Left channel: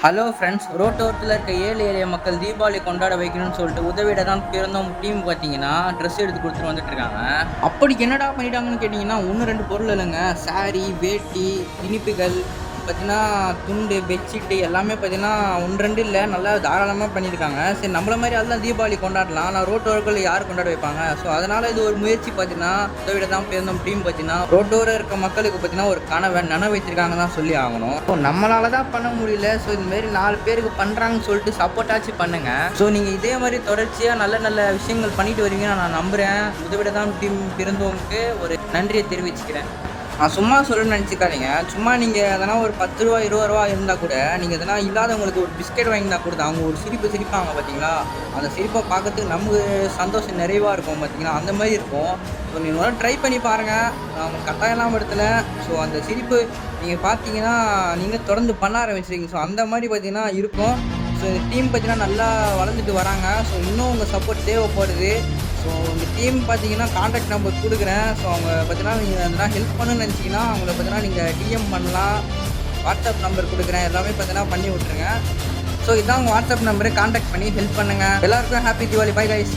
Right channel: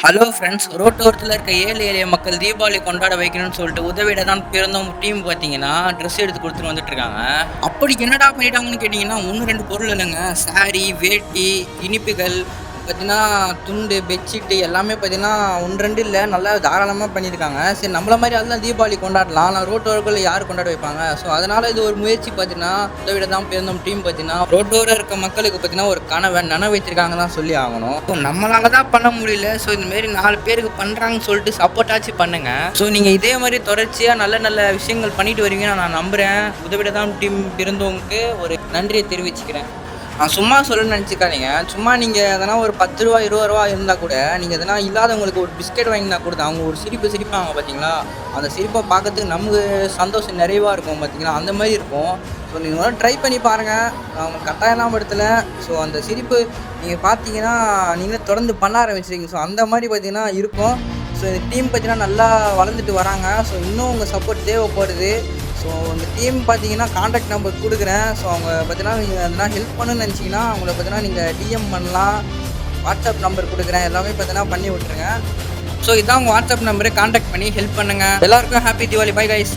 Hello friends ரோட்டோரத்தில் இருக்க ஏழை எளிய மக்கள் தீபாவளி கொண்டாட வைக்கணும்னு சொல்லிட்டு உதவிட தான் பிறந்தவங்க டீம் பார்த்தீங்கன்னா ட்ரெஸ் எடுத்து கொடுத்துட்டு வந்துட்டு இருக்காங்க. அப்படி என்னடா பண்ணிட்டாங்கன்னு கேட்டிங்கன்னா ஒன்று ரெண்டு பொருள் இல்லைங்க. சாரி வேட்டி இனிப்புகள் பார்த்தீங்கன்னா துண்டு பெட்ஷீட்டு எல்லாமே பார்த்தீங்கன்னா ஒன்று ரெண்டு இல்லை. நல்லா தாராளமாக பண்ணியிருக்காங்க. சரி நம்மள மாதிரி அதெல்லாம் தீபாவளி கொண்டாடலாம். ஆனால் ரோட்டோர்கள் யார் கொண்டாட வைப்பாங்க? ஸோ அதனால் இது ஒரு முயற்சி பார்த்தீங்கன்னா உதவிட தான் பிறந்தோம் டீம் பார்த்தீங்கன்னா ரோட்டோர இருக்க மக்களுக்கு பார்த்தீங்கன்னா ஒரு கனவை நனவு வைத்திருக்காங்க தான் சொல்லி ஆகணும். ஸோ நம்மளால தான் பண்ண முடியல. ஸோ இந்தமாரி நாலு பேருக்கு பண்ணுறாங்கன்னு சொல்லிட்டு சப்போர்ட்டாச்சு பண்ணுங்க. ஸோ நீங்கள் இதே மாதிரி தொடர்ச்சியாக நல்ல நல்ல விஷயங்கள் பண்ணிட்டு வருவீங்கன்னு நான் நம்புகிறேன் உதவிட தான் டீம் பிறந்தவங்களுக்கு ஒரு நன்றியை தெரிவிச்சுக்கிறேன். நான் சும்மா சொல்லணும்னு நினச்சிக்காதீங்க. சும்மா நீங்கள் எதனா ஒரு பத்து ரூபா இருபது ரூபா இருந்தால் கூட நீங்கள் எதனா இல்லாதவங்களுக்கு ஒரு பிஸ்கெட் வாங்கினா கூட அவங்க ஒரு சிரிப்பு சிரிப்பாங்க பார்த்தீங்களா அந்த சிரிப்பை பார்க்கறதுக்கு நமக்கு சந்தோஷம் நிறைவாக இருக்கும் பார்த்தீங்களா அந்த மாதிரி இருக்கும். ஸோ நீங்கள் ட்ரை பண்ணி பாருங்கள் நான் உங்களுக்கு கட்டாயம்லாம் படுத்தலை ஸோ அந்த சிரிப்பு நீங்கள் பார்த்தீங்கன்னா நீங்களே தொடர்ந்து பண்ண ஆரம்பிச்சிருக்கீங்க ஸோ அந்த மாதிரி பார்த்தீங்கன்னா இருக்கும். ஸோ இந்த டீம் பார்த்தீங்கன்னா நல்லா வளர்ந்துட்டு வராங்க. ஸோ இன்னும் உங்கள் சப்போர்ட் தேவைப்படுது. ஸோ இந்த டீம் பார்த்தீங்கன்னா காண்டாக்ட் நம்பர் கொடுக்குறேன். ஸோ அவங்க பார்த்தீங்கன்னா நீங்கள் எதனா ஹெல்ப் பண்ணணும்னு நினச்சிங்கன்னா அவங்கள பார்த்தீங்கன்னா நீங்கள் டிஎம் பண்ணலாம். வாட்ஸ்அப் நம்பர் கொடுக்குறேன். எல்லாமே பார்த்தீங்கன்னா பண்ணி விட்ருங்க ஸோ இதான் உங்கள் வாட்ஸ்அப் நம்பரு காண்டாக்ட் பண்ணி ஹெல்ப் பண்ணுங்கள் எல்லாருக்கும் ஹாப்பி தீபாவளி பை கைஸ்